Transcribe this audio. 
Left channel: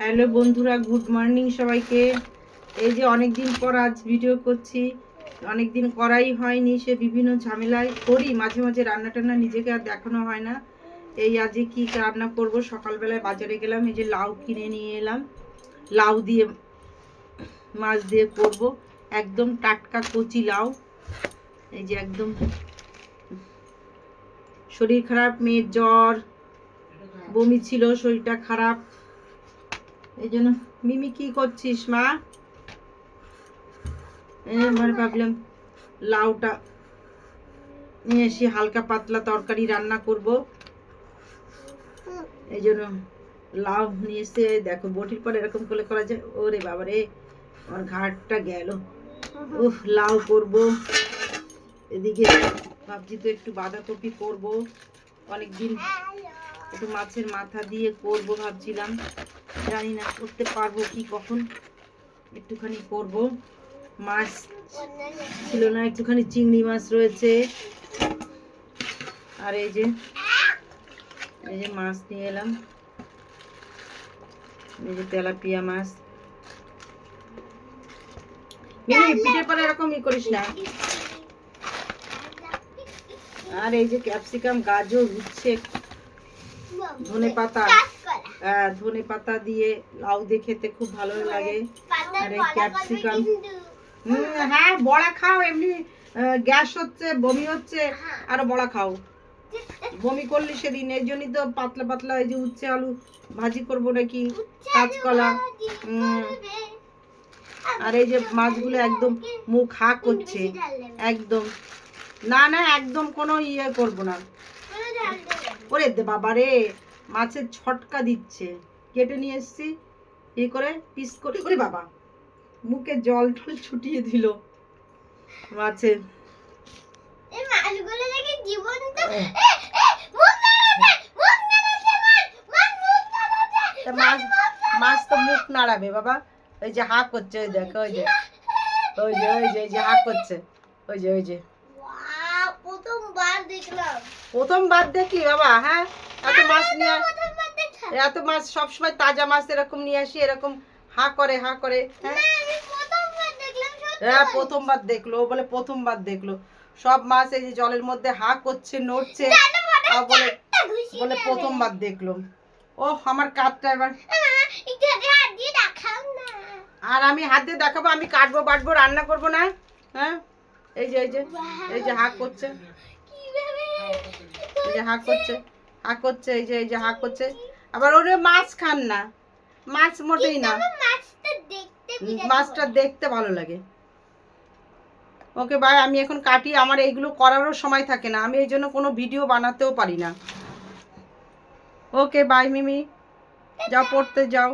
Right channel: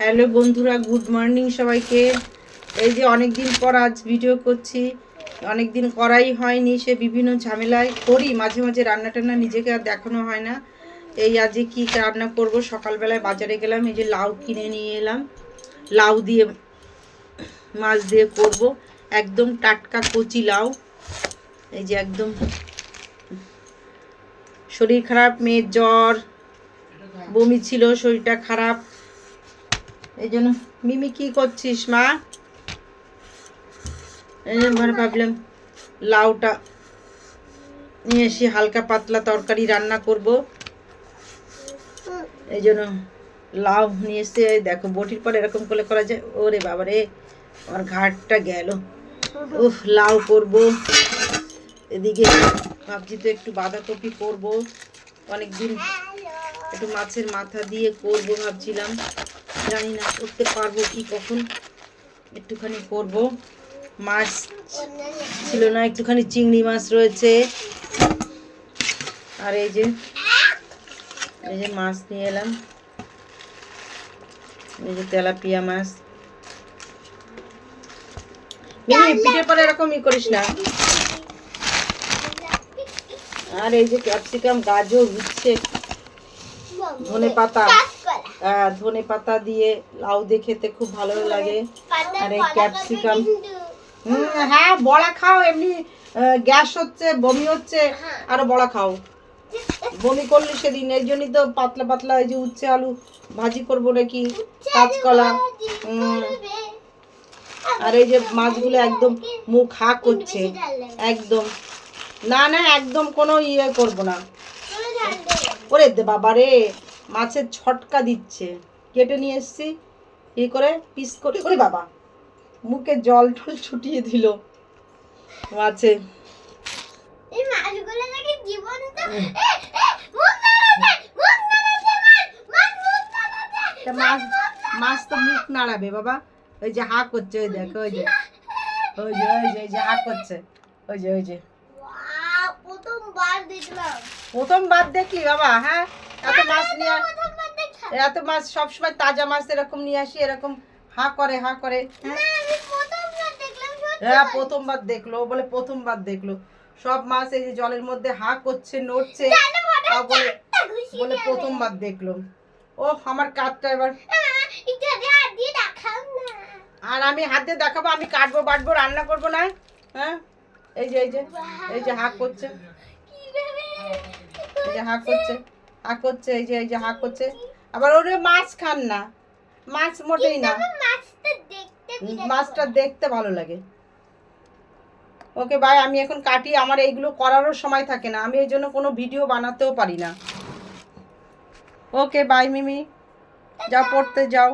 Hello বন্ধুরা, good morning সবাইকে। এই যে অনেক দিন পর আজ ভিডিও করছি, অনেক দিন করাই হয়নি, সে বিভিন্ন ঝামেলায় করি মাঝে মাঝে রান্না টান্না, নিজেকে আর দেখানো হয় না। এই আজকে কি রান্না করব, সকালবেলায় বাজারে গেলাম, এই যে লাউ কিনে নিয়ে এলাম, লাউ দিয়ে মাছ দিয়ে করব, একদম টাটকা কচি লাউ। এই যে একদম শরীর খারাপ, মেয়ের জ্বর, বমি ছিল, শরীরটা খারাপ, এই জন্য। মিমি কি করছিস মা? এই জন্য ভাবলাম লাউটা নিয়ে এসে হালকা পাতলা তরকারি রান্না করব, এই জন্য লাউ নিয়ে এসে দেখো বটির পর এরকম করে করা যায়। ওরে বাবারে, আমার ঘাটটা গেল। উফ, লাউ করব, এদিকে ভাবছি তো একটু বাঁধাকপি করব, অনেকদিন একটু মাছের মাথা দিয়ে করব ভাবছিলাম, জানি না করতে পারবো কি কখন, একটুখানি করব। মাছ ছিল না, একটুখানি চিংড়ি মাছ রয়েছে, আর এই যে মাছ নিয়ে এলাম, এই যে তেলাপিয়া মাছ। পিঠে পরে এরকমই করিস না। আর এই যে ক্যাপসিকাম, গাজর, উচ্ছে, ধনে পাতা, ধনে পাতা দিয়ে লাউ দিয়ে খেতে খুব ভালো লাগে। আর এই ক্যাপসিকাম, হ্যাঁ বড়া খাও, এমনি গ্যাস হচ্ছে, বমি হচ্ছে, আরো বড়া খাও। বমি করলি সেদিন, এর জন্যই তো পাতলা পাতলা এই যে উচ্ছে আলু ভাজি করবো নাকি, কাঁচকলা। আর এই যে মাছগুলো একদম মুখ হা করছে, একদম না না, একদম কোনো ইয়ে করবো না। ওরে বাবা রে, মাছের ছটকা দিচ্ছে, কেটে নিয়ে এসছি ই করে পিস করে। ওরে বাবা, মুখে জল টল ছুটিয়ে দিল মাছের। মাছ তো মুখ নাড়াবে বাবা, ওই যে হা করছে, ওই দেখো, ওই যে ওই যে ওই যে ওই যে হা করছে, ওই যে ওই যে প্রথমবার দেখলি বাবা? হ্যাঁ, এত মাছ নিয়ে, এত মাছ সবসময় তাজা মাছ এরকম নিয়ে আসি, এরকম হা করে হা করে। হ্যাঁ প্রথমবার দেখলো, বলে প্রথমবার দেখলো। সব মাছ এই যে জলের মধ্যে হা করছে, নড়ছে, বলে বলে প্রথমবার দেখলো। ও আমার কাঠটা এবার, আর আমি হাত দিয়ে দেখাবো, আমি কাটবো বাটবো, রান্না করবো না। হ্যাঁ এই যে এই যে এই যে হা করছে, এই যে হা করছে, হা করছে, এই যে এই যে হা করছে। আবার ওরে মাছ খান না, মাছ মোটেই না, মাছটা দেখতে ভালো লাগে। ওকে বাই, আমি এখন কাটি, আমার এইগুলো করারও সময় থাকে না, আমি এই জন্য কোনো ভিডিও বানাতেও পারি না। ওকে বাই মিমি, যাও পড়তে যাও।